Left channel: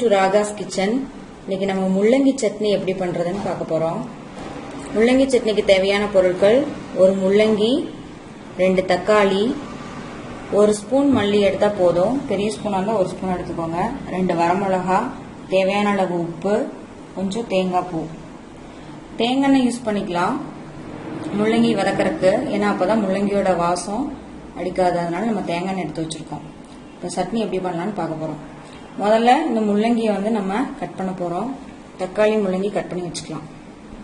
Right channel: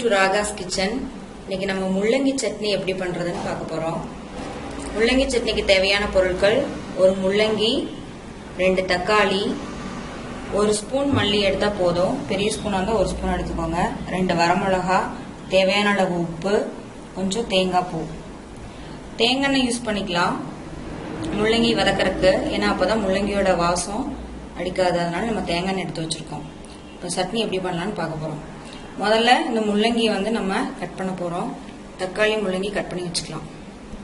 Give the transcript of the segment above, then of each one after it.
To Raga's kitchen இன்னைக்கு நம்ம முள்ளங்கி சட்னி எப்படி பண்ணுறதுன்னு பார்க்க போகிறோம் முள்ளங்கி சட்னிக்கு தேவையான பொருட்கள் ஒரு முள்ளங்கி ரெண்டு தக்காளி ஒரு ஸ்பூன் மல்லி எடுத்தால் போதும். பெரிய ஸ்பூனாக இருந்தால் ஒரு ஸ்பூன் எடுத்துக்கோங்க. ரெண்டு வரமிளகா தேவையான அளவு உப்பு கொஞ்சம் தேங்காய் பூ. தேங்காய் எண்ணெய் யூஸ் பண்ணிக்கலாம். முள்ளங்கி வதக்கறதுக்கு ஏன்னா அப்போ தான் முள்ளங்கியோட வாசம் அடிக்காததுனால நம்ம தேங்காய் எண்ணெய் எடுத்து வச்சுருக்கோம். இப்போ சட்னி எப்படி பண்ணலான்னு பார்க்க போகிறோம் முதல்ல இந்த முள்ளங்கியை வந்து நம்ம கட் பண்ண போகிறோம் தக்காளி முள்ளங்கி கட் பண்ணி வச்சுக்கலாம்.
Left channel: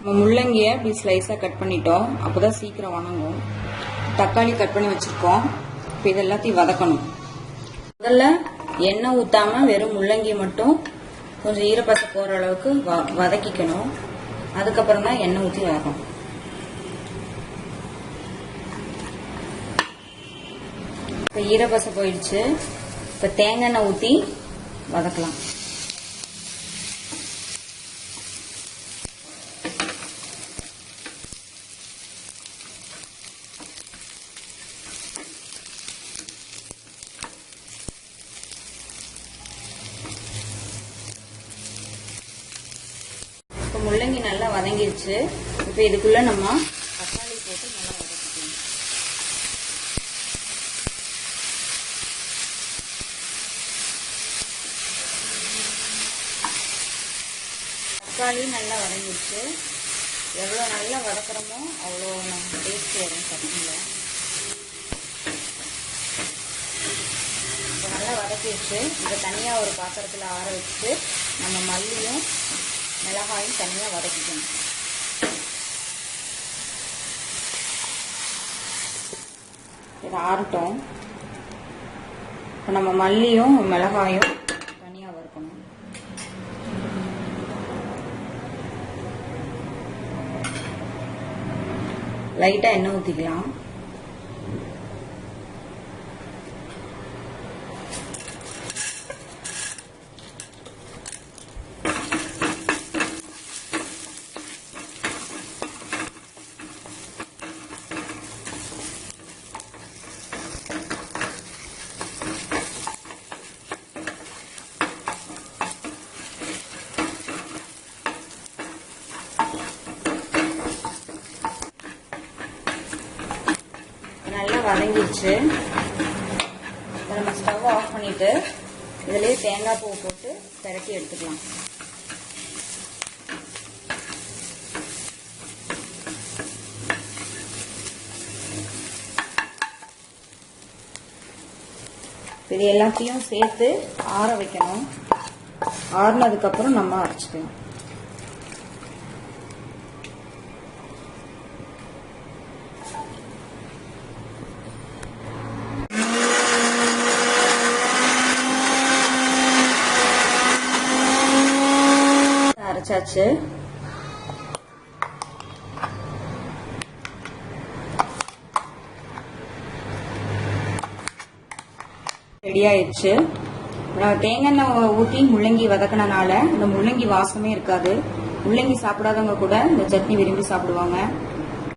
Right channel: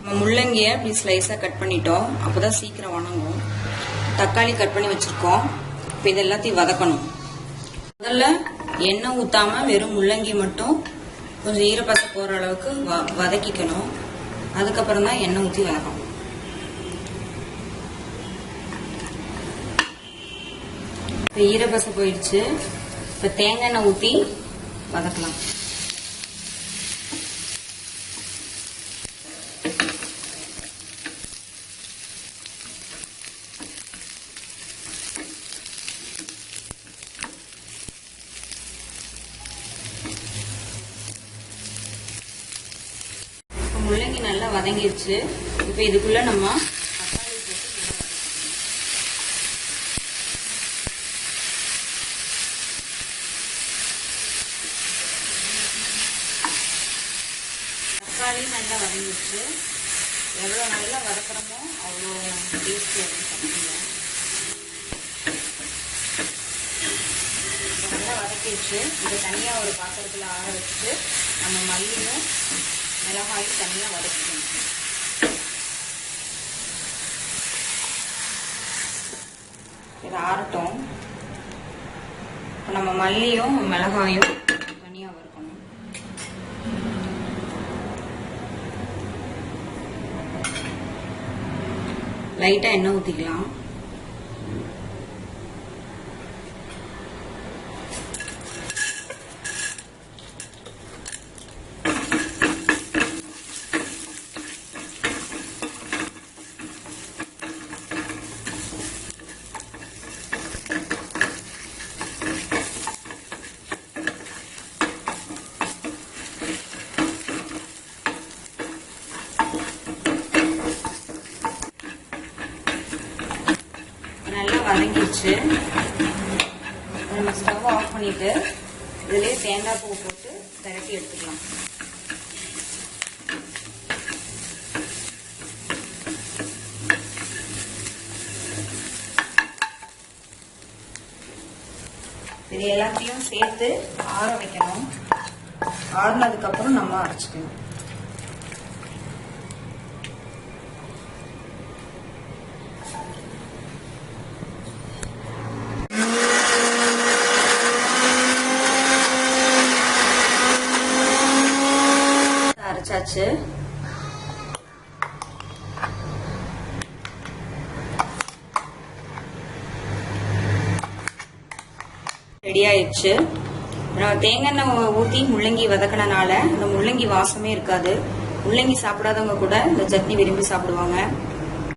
நம்ம முள்ளங்கியை இப்படி ஸ்லைஸாக கட் பண்ணிட்டோம். அப்போ தான் சீக்கிரம் வணங்கும். தக்காளி கட் பண்ணி வச்சுருக்கோம். இப்போ இது எல்லாத்தையும் வதக்கணும். முதல்ல எண்ணெய் ஊற்றாமல் வெறும் முள்ளங்கி மட்டும் கொஞ்சம் ஈரப்பசை போகிற அளவுக்கு வ வதக்கிக்கணும். அதுக்கப்புறம் தான் எண்ணெய் ஊற்றி வதக்கணும். இப்போ ஈரப்பசை போயிடுச்சு. இப்போ தேங்காய் எண்ணெய் ஊற்றி வதக்கலாம். முள்ளங்கி நல்லா வதங்கிடுச்சு. இப்போ இதுக்குள்ள நம்ம தக்காளி போட்டு நல்லா வதக்கிக்கணும் தக்காளி நல்லா வதங்கிடுச்சு. எவ்வளோ நல்லா வதக்கிறோமோ அவ்வளோ டேஸ்ட் வரும் சட்னியில் இப்போ நல்லா வதக்கிடுச்சு. இதை தனியாக ஒரு பாத்திரத்தில் ஆற வச்சுட்டு நம்ம மல்லியும் மிளகாயும் தனியாக வதக்கிக்கணும். இது ஆறட்டும். இப்போ நம்ம மல்லியும் மிளகாயும் தனியாக வறுக்கணும் லைட்டாக எண்ணெய் ஊற்றிக்கலாம் நல்லா வதங்கிடுச்சு. நம்ம ஸ்டவ் ஆஃப் பண்ணிட்டு இதுலேயே தேங்காய் பூ போட்டு திரட்டி எடுத்துக்கலாம். இது எல்லாத்தையும் சேர்த்து ஆற வைக்கணும். ஆறுனதுக்கப்புறம் நம்ம அரைச்சிக்கணும். வச்சாச்சு ரெடி ஆயிடுச்சு. நம்ம தேங்காய் எண்ணெய் ஊற்றி முள்ளங்கி வதக்கினால இந்த முள்ளங்கி வாசமே இருக்காது. முள்ளங்கி சாப்பிடாதவங்க கூட இந்த சட்னி விரும்பி சாப்பிடுவாங்க.